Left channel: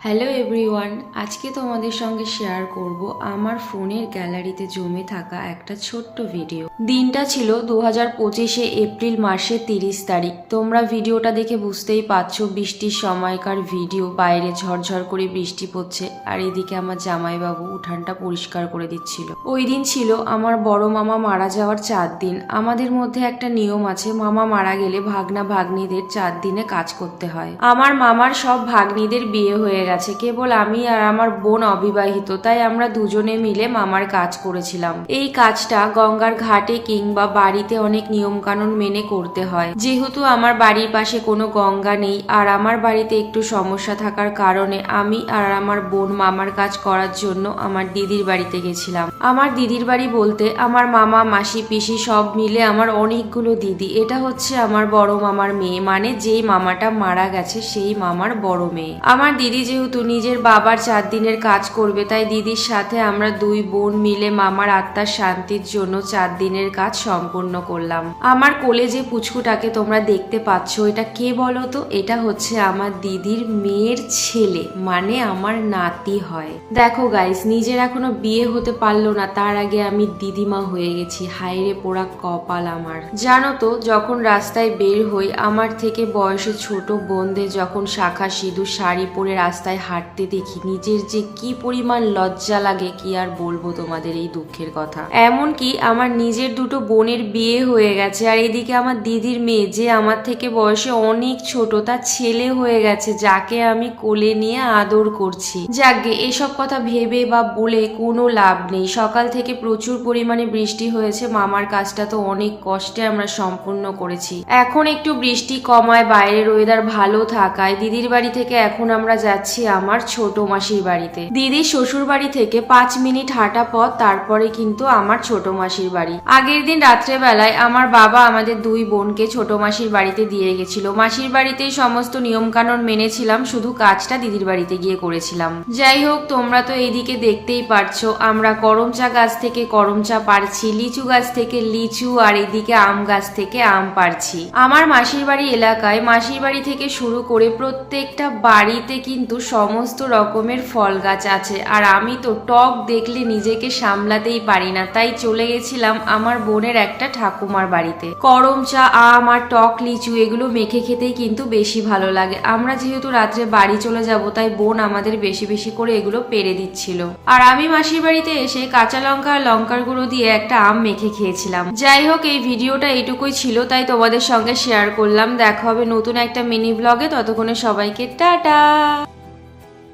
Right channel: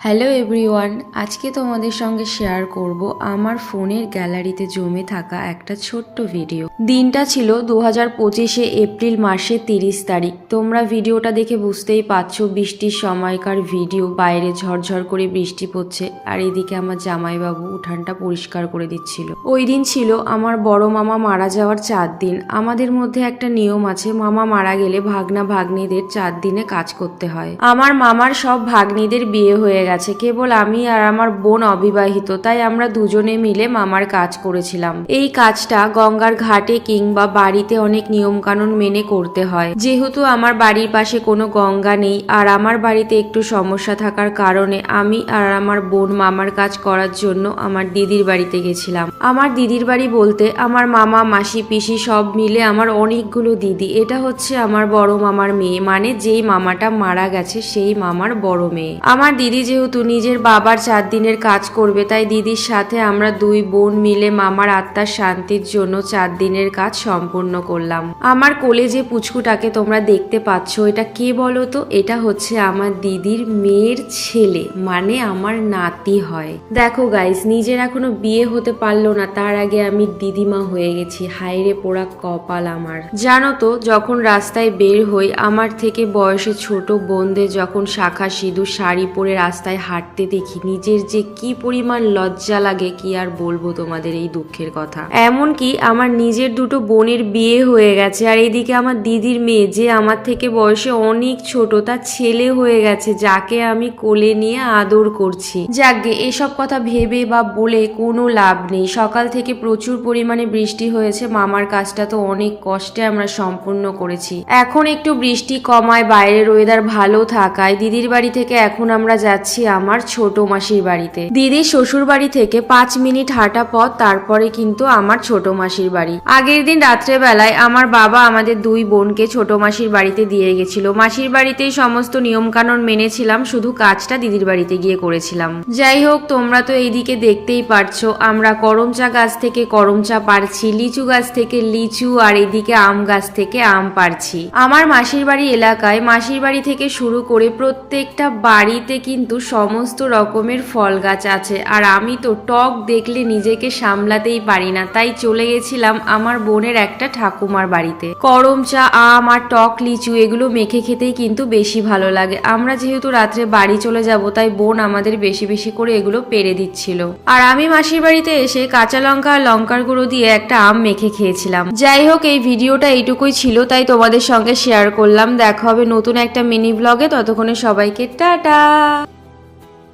Hello everyone, আজকে তোমাদের সঙ্গে শেয়ার করব আমার ফোনের গ্যালারিতে জমে থাকা একটা ছোট্ট ভিডিও। দিনটা ছিল 2025 এপ্রিল মাসের 30 তারিখ। তোমরা ভিডিওটা দেখে বুঝতেই পারছো বৃষ্টির সময়কার ভিডিও। বাইরে ঝরঝর করে বৃষ্টি পড়ছে আর এদিকে আমার জামাইবাবু উঠানটা পরিষ্কার করে দিচ্ছিল। ওই দিন ছিল আমার বড় মামা মারা যাওয়ার 4 দিন। আমাদের মধ্যে একটা নিয়ম আছে, মামা মারা গেলে ভাগনা ভাগ্নিদের 4 দিনে কাজ করতে হয়। আমার মামার সব ভাগ্নিদের বিয়ে হয়ে গেছে, কেবল আমি আর আমার বোন অবিবাহিত, তাই আমরা দুজনে মিলে মামার কাজ করেছিলাম। এই কাজটা গঙ্গার ঘাটে কিংবা বাড়িতে অনেক নিয়ম কানুন মেনে করতে হয়। যেহেতু আমার বাড়ির পাশে কোনো গঙ্গা নেই আর আমার বাড়িতে একটু সমস্যা থাকার কারণে আমি আর আমার বোন মামার কাজ করার জন্য আমার দিদির বাড়িতে গেছিলাম। আমার দিদির বাড়ি বলতে আমার মামা মাসি পিসি সব মিলে আমার অনেকগুলো দিদি। এটা হচ্ছে আমার বড় মামার মেয়ে, মানে যেই মামাটা মারা গেছে সেই মামার বড় মেয়ে। আমার দিদি যেহেতু নিজের বাবার 4 দিনের কাজ করবে, তাই দিদির সাথে আমরা দুই বোন মিলে মামার আত্মার শান্তির জন্য 4 দিনের কাজ সম্পূর্ণ করলাম। আমার কোলে যে পুচকুটাকে তোমরা দেখতে পাচ্ছ, এটা কে বলো তো? এটা হচ্ছে আমার দিদির মেয়ের ছেলে, মানে আমার নাতি হয়। দেখো গাইস, নিজের এখনো বিয়ে হতে পারলো না, তার আগে আমি দিদিমা হয়ে গেছি। হায়রে পোড়া কপাল আমার। জানো তো, যখন রাস্তায় বের হই, আমার থেকে বয়সে ছোট বোনদের যখন শাখা সিঁদুর শাড়ি পরে রাস্তায় হাঁটতে দেখি, নিজের যে কি পরিমাণ লজ্জা লাগে কি আর বলবো তোমাদের এই দুঃখের কথা। এমনকি আমার নিজের দুটো বোনের বিয়ে হয়ে গেছে, আর এদিকে আমার দিদির মেয়ে যে আমার থেকে বয়সে অনেক ছোট, তার ছেলে হয়ে গেছে, যাকে আমি কোলে নিয়ে আদর করছি। যাকগে, এসব কথা ভেবে বা বলে কোনো লাভ নেই। সকাল থেকে প্রচুর পরিমাণে বৃষ্টি হয়েছে, মামার কাজটা তো অনেক কষ্টে আমরা সম্পূর্ণ করেছি। এখন একটু বৃষ্টি কমায়, বাইরের ওয়েদার ভালো থাকায় দিদির বাড়ি থেকে এখন আমরা যাচ্ছি আমার ছোট মাসির বাড়িতে। দিদির শ্বশুর বাড়ি থেকে 5 মিনিট হাঁটা পথ, তারপরে কিন্তু আমার ছোট মাসির বাড়ি। আগের দিন রাত্রেবেলায় আমার বাবা আমাদের দুই বোনকে ছোট মাসির বাড়িতে দিয়ে গেছিল। মাসির বাড়িতেই সমস্ত নিয়ম কানুন মেনেছিলাম, শুধু কাজটা দিদির বাড়িতে গিয়ে করেছিলাম। যাই হোক, তোমরা তো এইদিকে দেখতেই পারছো আমরা করমচা গাছ থেকে করমচা পারছি, লিচু গাছ থেকে লিচু, আর এদিকে আম গাছ থেকে আম পারছি। আমার মাসির বাড়ি এলাকায় মাসির বাড়ি থেকে শুরু করে প্রত্যেকটা বাড়িতে কিন্তু সমস্ত রকমের ফল গাছ আছে, আর আমি তো টক দেখলে নিজেকে সামলাতেই পারি না, তাই চলে গেছিলাম আমার বোনের একটা ঠাকুমার বাড়িতে। করমচা, আম আর টক লিচু এগুলো মেখে খেতেই কিন্তু বেশি ভালো লাগে। আমরা যেহেতু রাত্রে বাড়ি চলে যাব, তাই বোন আমাদের বেশি বেশি করে এগুলো পেরে দিচ্ছিল, আর আমি মাসির বাড়িতে এসে কাঁচা লঙ্কা আর লঙ্কার গুঁড়ো দিয়ে একটা আম মেখে খেয়েছিলাম। যাই হোক, এই ভিডিওটা এইটুকুই ছিল, তাই তোমাদের সঙ্গে শেয়ার করলাম। দেখা হবে নতুন একটা মিনি ব্লগে, ততক্ষণে সবাইকে টাটা।